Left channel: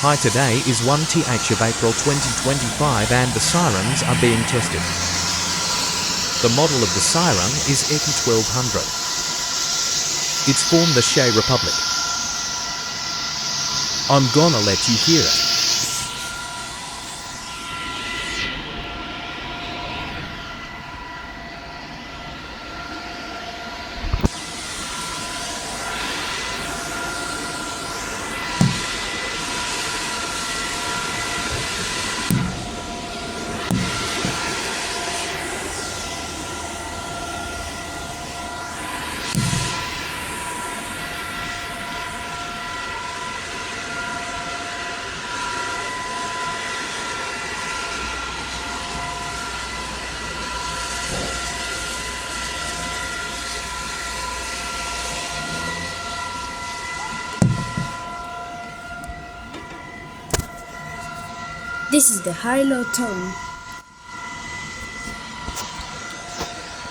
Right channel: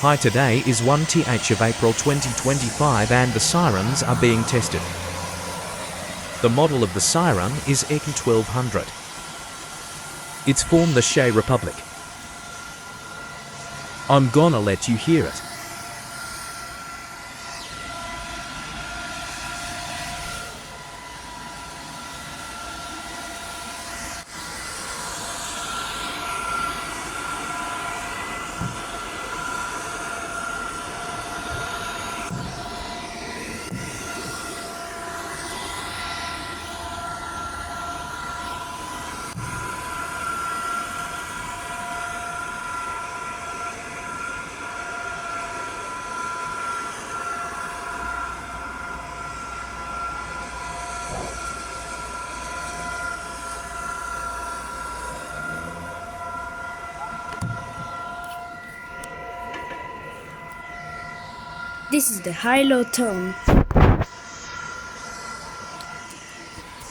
Hi, today is 1th of April 2025 and the sirens are being tested. The model of the siren is EK 1200. It's from the Czech Republic. I'm gonna let you hear it. This is the high-low tone,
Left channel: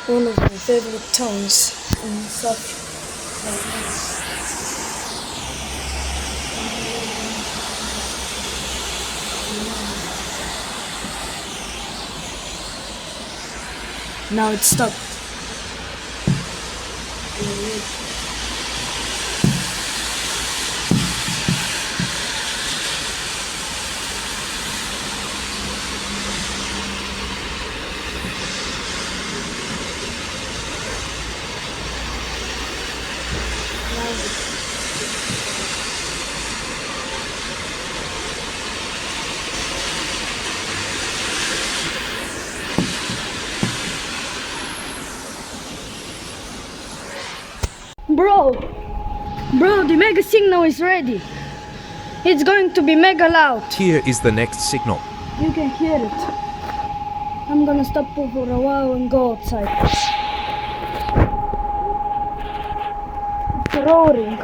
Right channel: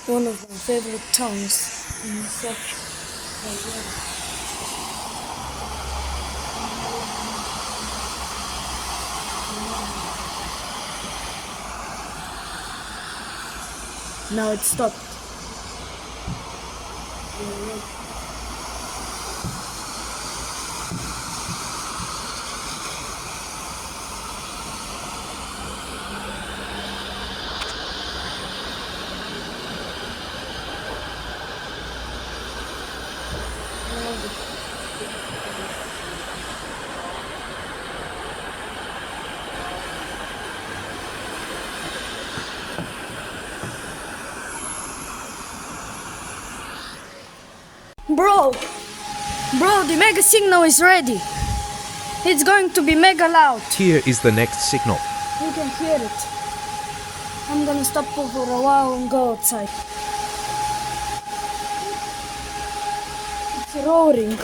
one of my favorite tones in sofia. Now it stopped. Bro, the mega signal is ready. It's going to be mega loud. Here is the next signal. You can hear it. I'm gonna stop for a while and go outside. It's roaring.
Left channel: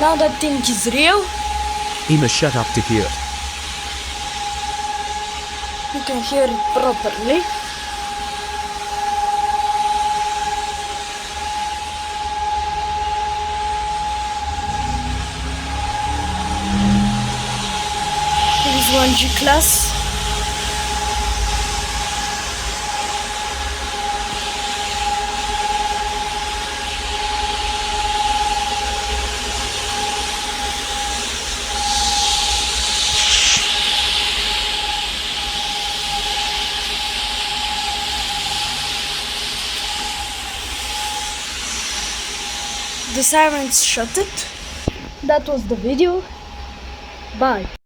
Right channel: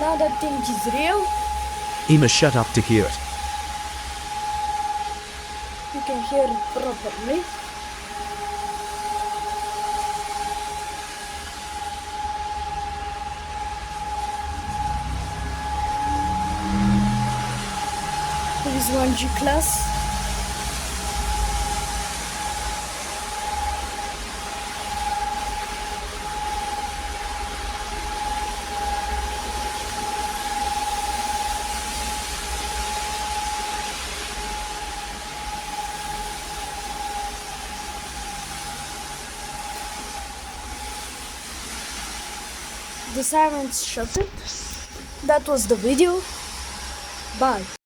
Now that thing is real. Emma, shut up to hear it. You can hear it properly. Here is 1G class. The sirens shut it. That was the video. Bye.